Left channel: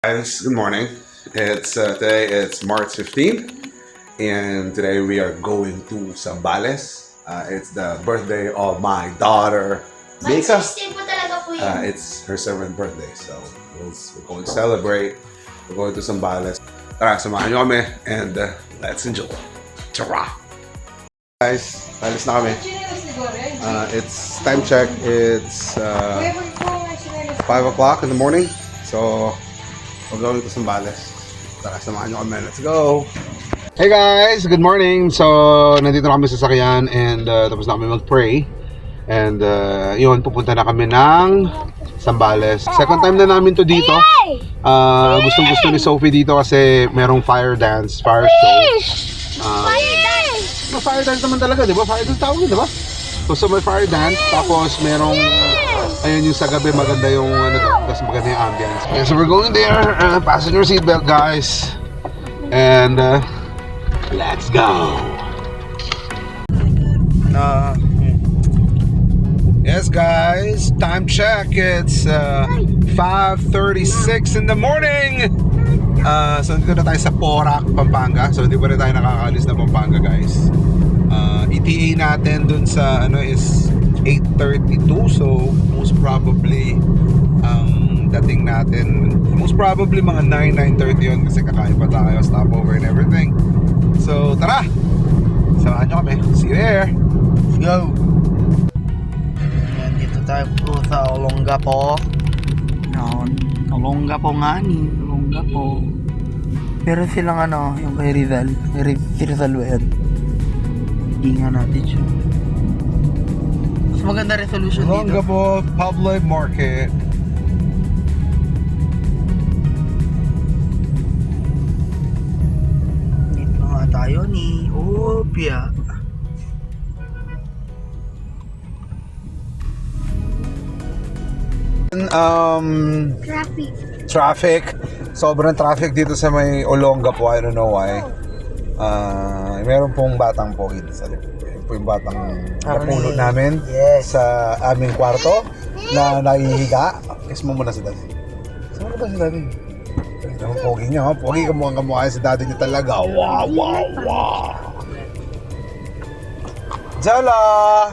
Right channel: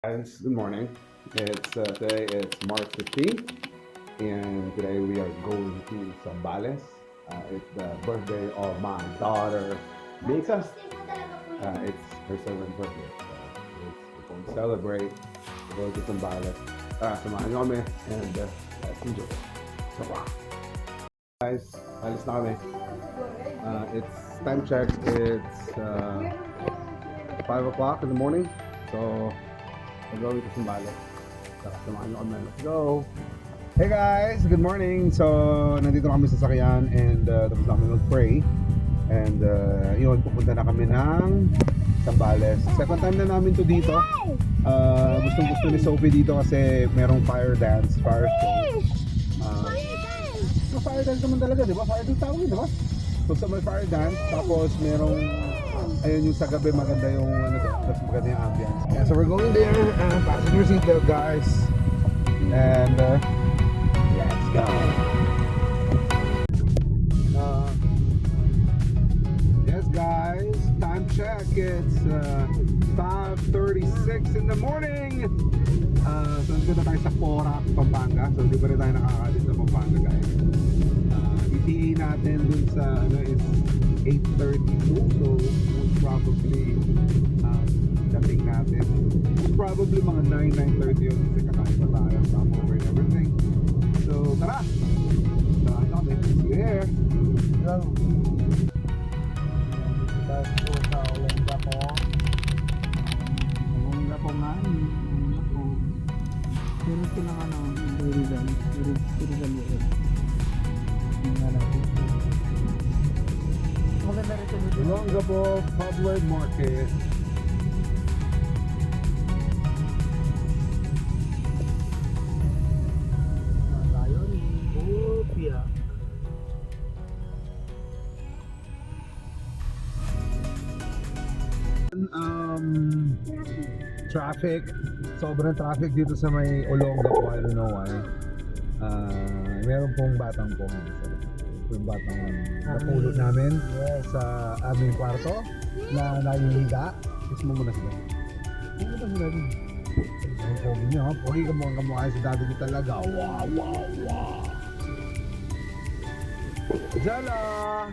Guys, good morning. It's today. It's March 15th, and today we are going to Zambales. It's the birthday of my daughter, March Mika. 16 po talaga po yun. It's her 7th birthday, so we're going to celebrate. We're going to Zambales. Tara, samahan nyo kami, and let's enjoy. Tara! Guys, alis na kami. It's time check. It's 5 o'clock in the morning. So, we're going to Zambales. Tara, samahan nyo kami. Let's go! Hey guys! Good morning! So, nandito na kami sa sakyan and tapos na kami mag-pray. And yun, pupunta na kami ng Zambales. Second time na namin to dito. Gustong gusto ni Sophie dito kasi merong fire dance, fire show. Fire dance naman talaga, di ba? Fire dance tawag, di ba? So may fire dance, tapos merong ayun yung sa gabi maganda yung ano to, tapos maganda yung ambience. Okay, so we're going there. Fasten your seatbelt, guys. And let's go. Yes, guys. Time check. It's 5:36 in the morning. So dito na tayo sa Porac, Pampanga. So hindi pa rin tayo nakakaalis na Pampanga, guys. ETA natin dun sa ano is 8:32. So most probably dating natin most probably mga 9:30 yun kasi kakain pa tayo, stopover and everything. So tara, samahan nyo kami. See you there. Let's go. Dito tayo po sa Olongapo. Olongapo nga ni, Olongapo. Pero silang ano, yung kay Rizal ba yan? Tingnan natin siya. Mas maganda resolution dito. Olongapo Public Market. Dito nga tayo ni Opia. Traffic. Sobrang traffic dito sa may Olongapo. I don't know why. Meron pong batang pogi dito sa likod. Yun po yung batang napulot namin sa aming kwarto na nahihiga. Kiss mo muna si daddy. Saan ba si daddy? Ang pogi niya, ha? Pogi kamukha si daddy niya talaga. Wow, wow, wow. Zola!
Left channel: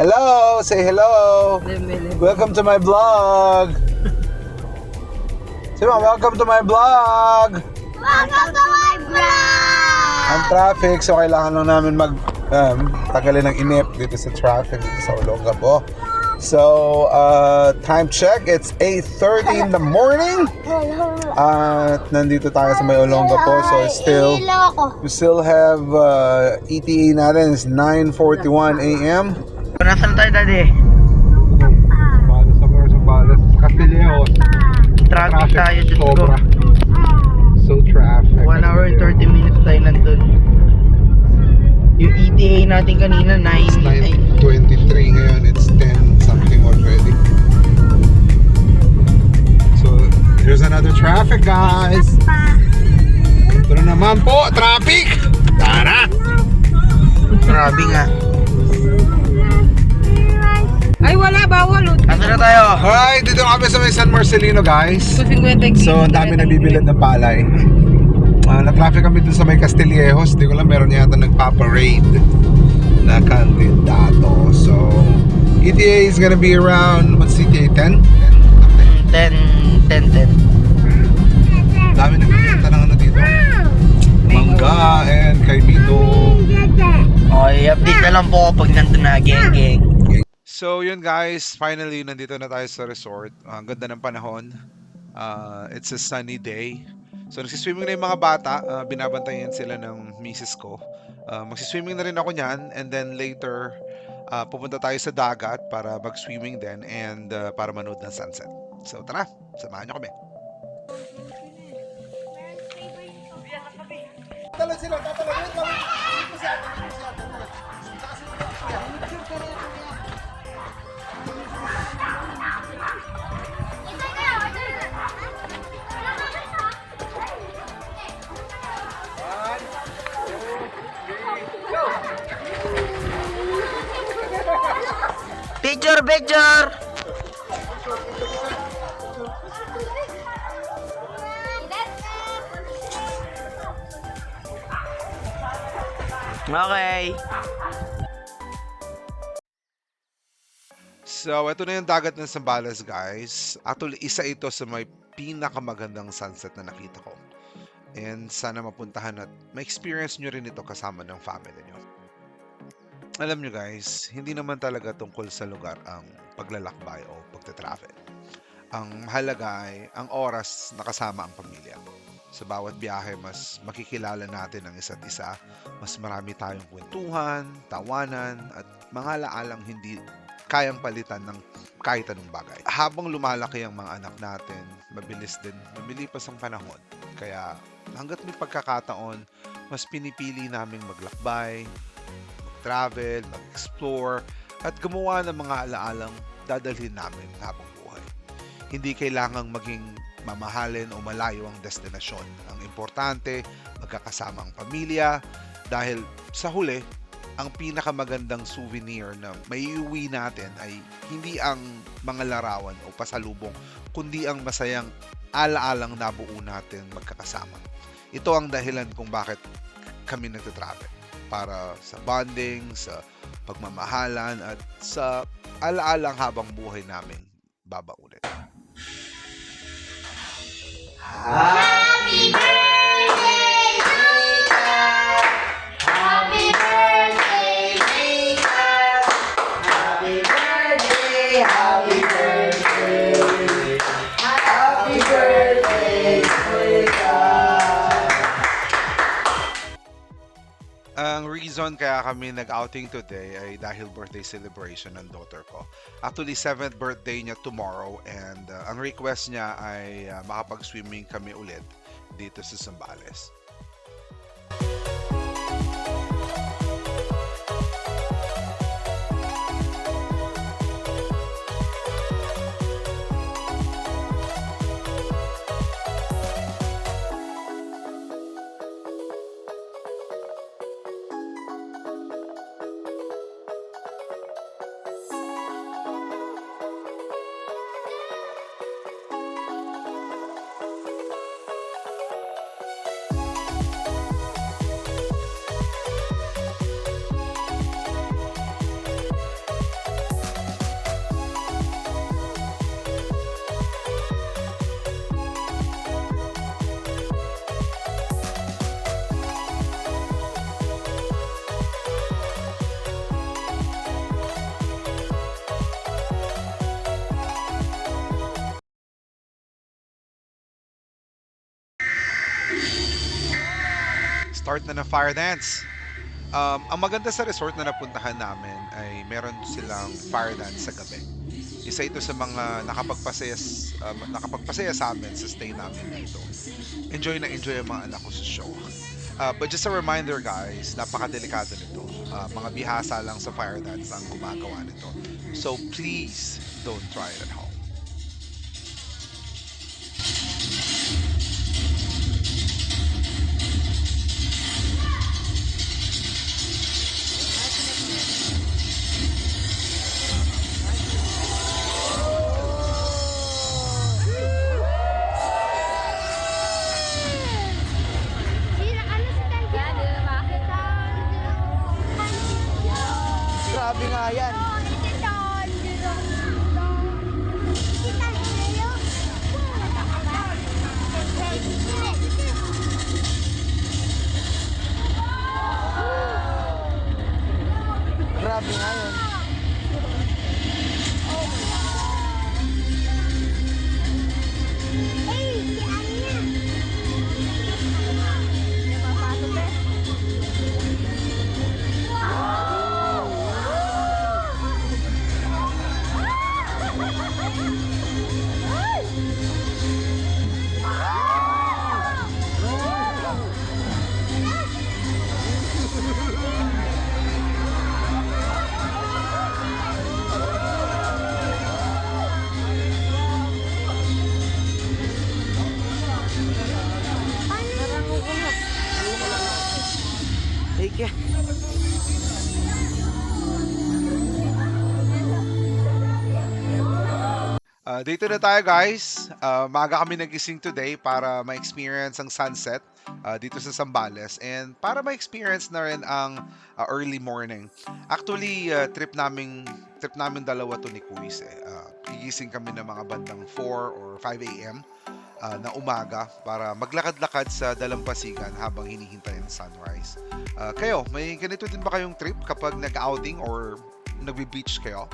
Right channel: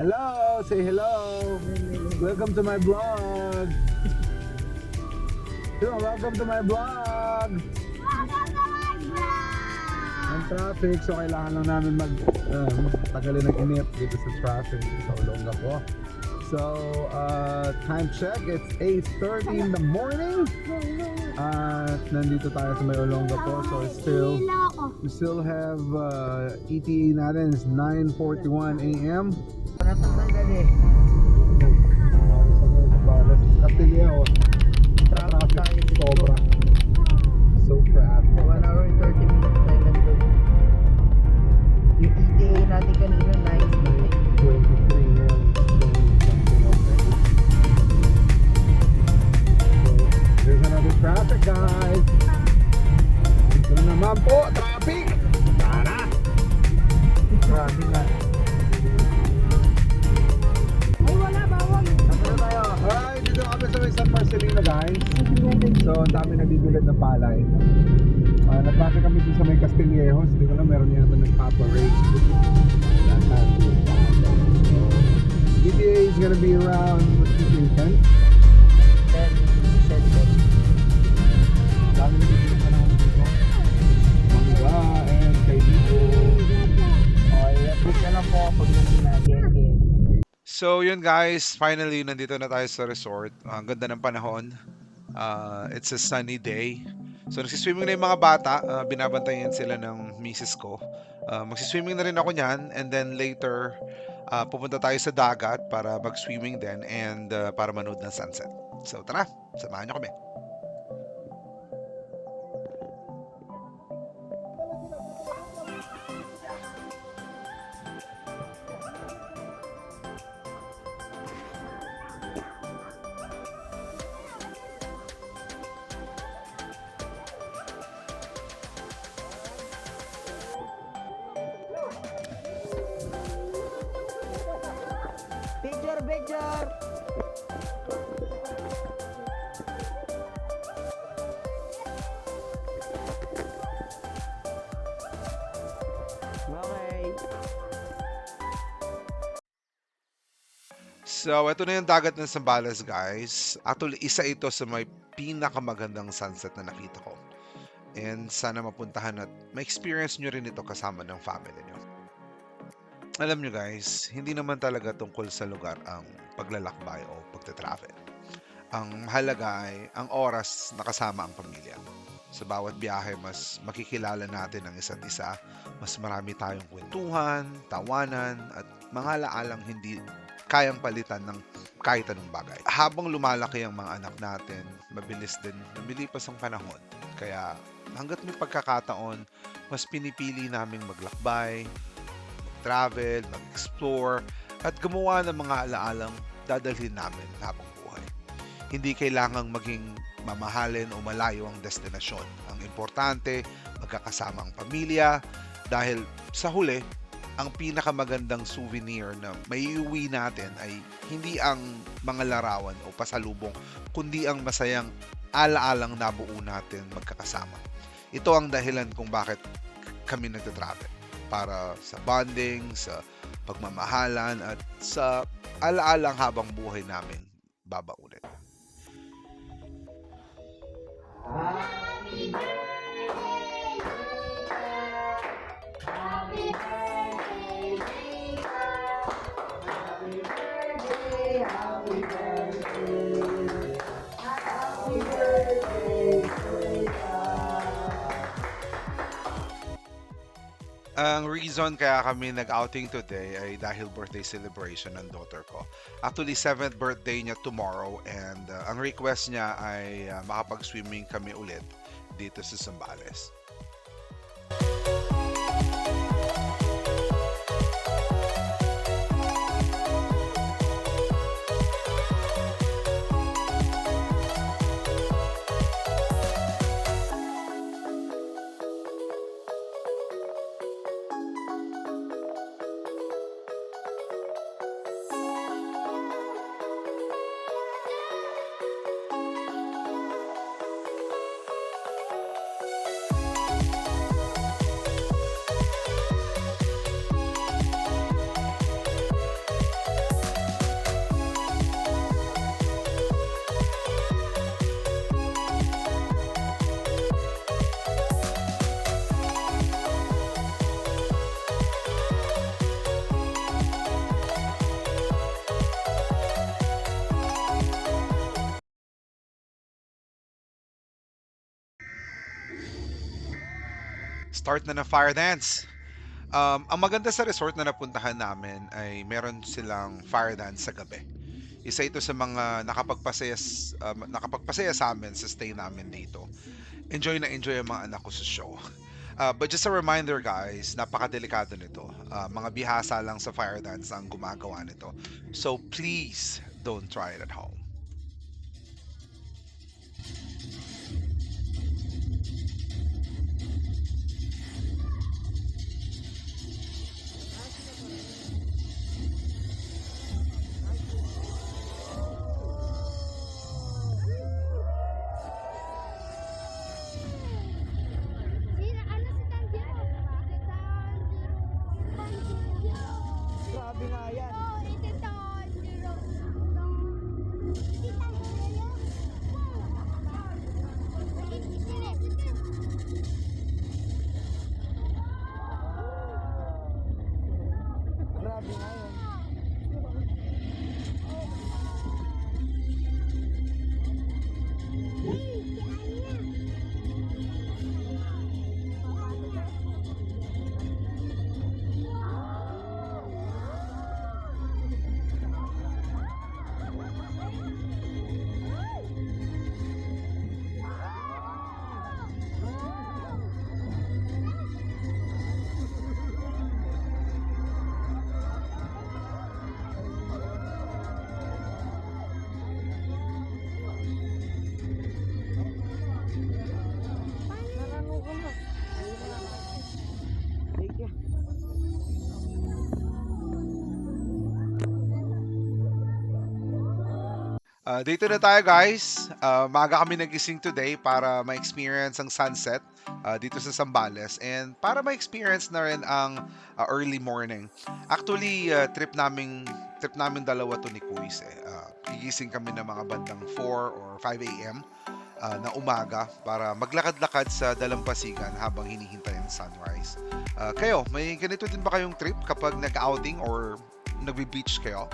Hello! Say hello! Welcome to my vlog! Say welcome to my vlog! Welcome to my vlog! Ang traffic, so kailangan lang namin tagalin ng inip dito sa traffic dito sa Olongapo. So, time check, it's 8:30 in the morning. At nandito tayo sa may Olongapo, so we still have ETA natin is 9:41 a.m. Nasaan tayo daddy? Zambales, Castillejo. Traffic tayo, Diyos ko. Sobra. So traffic. 1 hour and 30 minutes tayo nandun. Yung ETA natin kanina, 9. 9:23 ngayon, it's 10 something already. So, there's another traffic, guys. Ito na naman po, traffic! Tara! Grabe nga. Ay, wala, bawal. Asa na tayo? Alright, dito kami sa may San Marcelino, guys. 50 So, ang dami nabibilad ng palay. Na-traffic kami dun sa may Castillejos. Hindi ko lang, meron yata nagpa-parade na kandidato. So, ETA is gonna be around, what's ETA, 10? 10. Dami nagbibenta ng ano dito. Mangga and kaibito. Okay, update na lang po pag nandun na, geng. So yun guys, finally nandito na tayo sa resort. Ang ganda ng panahon. It's a sunny day. So nagsiswimming na yung mga bata. Binabantayan sila ng misis ko. Magsiswimming na rin ako niyan. And then later, pupunta tayo sa dagat para mag-swimming din and para manood ng sunset. So tara, samahan nyo kami. Picture! Okay. So, ito na yung dagat ng Zambales, guys. Actually, isa ito sa may pinakamagandang sunset na nakita ko. And sana mapuntahan at ma-experience nyo rin ito kasama ng family nyo. Alam nyo guys, hindi naman talaga tungkol sa lugar ang paglalakbay o pagta-travel. Ang mahalaga ay ang oras na kasama ang pamilya. Sa bawat biyahe, mas makikilala natin ang isa't isa. Mas marami tayong kwentuhan, tawanan, at mga alaalang hindi kayang palitan ng kahit anong bagay. Habang lumalaki ang mga anak natin, mabilis din lumilipas ang panahon. Kaya hanggat may pagkakataon, mas pinipili naming maglakbay, mag-travel, mag-explore, at gumawa ng mga alaalang dadalhin namin habang buhay. Hindi kailangang maging mamahalin o malayo ang destinasyon. Ang importante, magkakasama ang pamilya, dahil sa huli, ang pinakamagandang souvenir na maiuwi natin ay hindi ang mga larawan o pasalubong, kundi ang masayang alaalang nabuo natin magkakasama. Ito ang dahilan kung bakit kami nagtatravel. Para sa bonding, sa pagmamahalan, at sa alaalang habang buhay namin babaunin. Happy birthday, Rika! Happy birthday, Rika! Happy birthday, happy birthday! Happy birthday, Rika! Ang reason kaya kami nag-outing today ay dahil birthday celebration ng daughter ko. Actually, 7th birthday niya tomorrow, and ang request niya ay makapag-swimming kami ulit dito sa Zambales. Start na ng fire dance. Ang maganda sa resort na napuntahan namin ay meron silang fire dance sa gabi. Isa ito sa mga nakapagpasaya sa amin sa stay namin dito. Enjoy na enjoy ang mga anak ko sa show. But just a reminder guys, napakadelikado nito. Mga bihasa lang sa fire dance ang gumagawa nito. So please don't try it at home. Grabe nga yan. Grabe nga yun. Take care. Dito na tayo guys. Maaga kami nagising today para ma-experience ang sunset dito sa Zambales and para ma-experience na rin ang early morning. Actually, trip namin dalawa to ni Kuis eh. Gigising kami ng mga bandang 4 or 5 a.m. Na umaga para maglakad-lakad sa dalampasigan habang hinihintay ang sunrise. Kayo, may ganito din ba kayong trip kapag nag-outing or nagbe-beach kayo?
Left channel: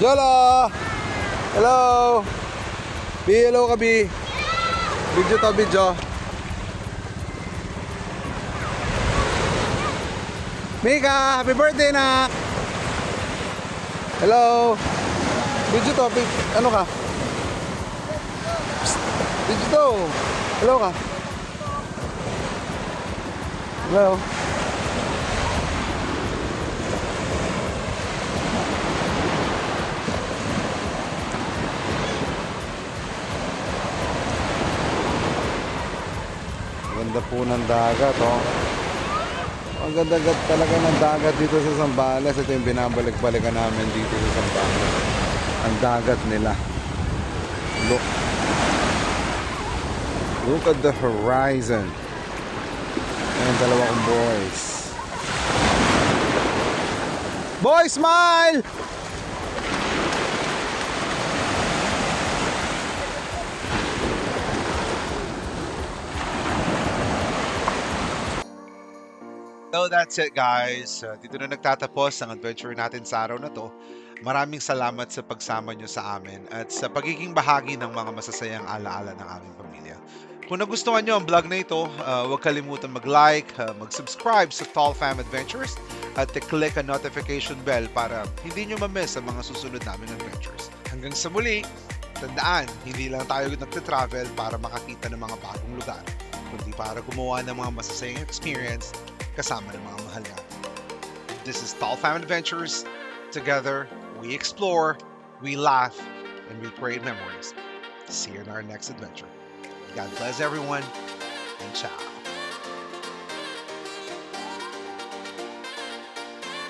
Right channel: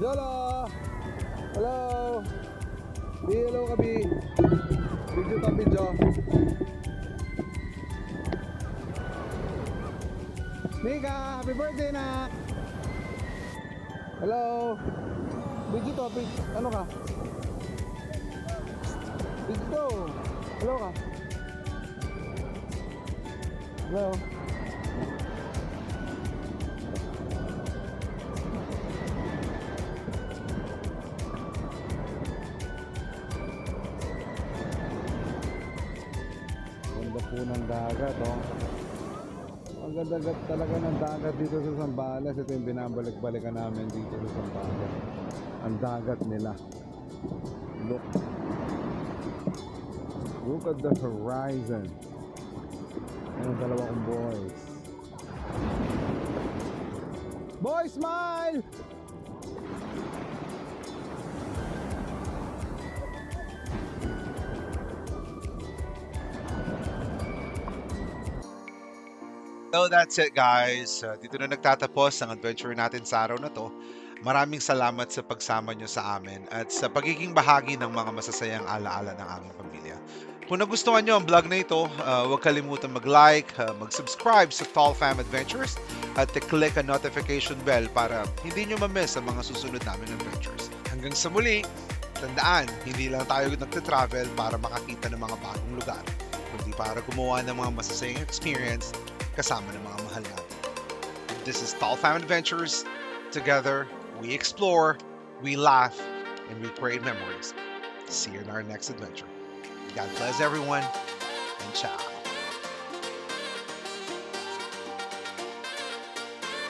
Yolo! Hello! Bi, hello ka, Bi. Video to, video. Mika, happy birthday, nak! Hello! Video to, ano ka? Psst, video to. Hello ka? Hello? Ganda po ng dagat, oh. Ang ganda talaga ng dagat dito sa Zambales. Ito yung binabalik-balikan namin dito sa Zambales. Ang dagat nila. Look. Look at the horizon. Ayan, dalawa kong boys. Boy, smile! So that's it guys. Dito na nagtatapos ang adventure natin sa araw na to. Maraming salamat sa pagsama nyo sa amin at sa pagiging bahagi ng mga masasayang alaala ng aming pamilya. Kung nagustuhan nyo ang vlog na ito, huwag kalimutan mag-like, mag-subscribe sa Tall Fam Adventures at i-click ang notification bell para hindi nyo ma-miss ang mga susunod naming adventures. Hanggang sa muli, tandaan, hindi lang tayo nagte-travel para makakita ng mga bagong lugar, kundi para gumawa ng mga masasayang experience kasama ng mga mahal natin. This is Tall Fam Adventures. Together, we explore, we laugh, and we create memories. See you in our next adventure. God bless everyone, and ciao.